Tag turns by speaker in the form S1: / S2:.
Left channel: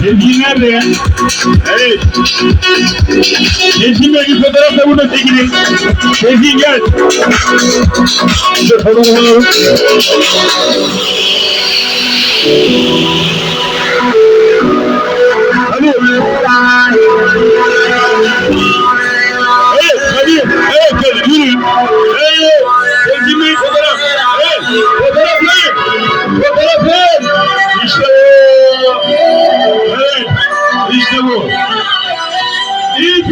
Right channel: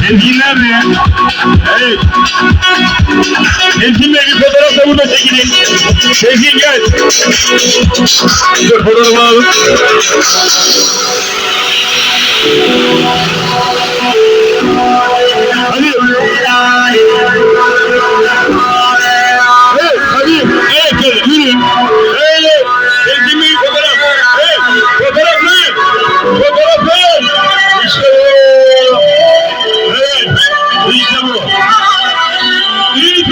S1: Sevgili nerede ya? Evet. Sevgili bir fotoğraf da burada çekilin. Sevgili gel. Dur fotoğrafı alalım. Hadi. Evet, hadi. Evet, yürü. Evet, sevgili bir fotoğraf. Evet, fotoğraflayın. Fotoğraflayın. İşte bu. Evet, işte bu. İyi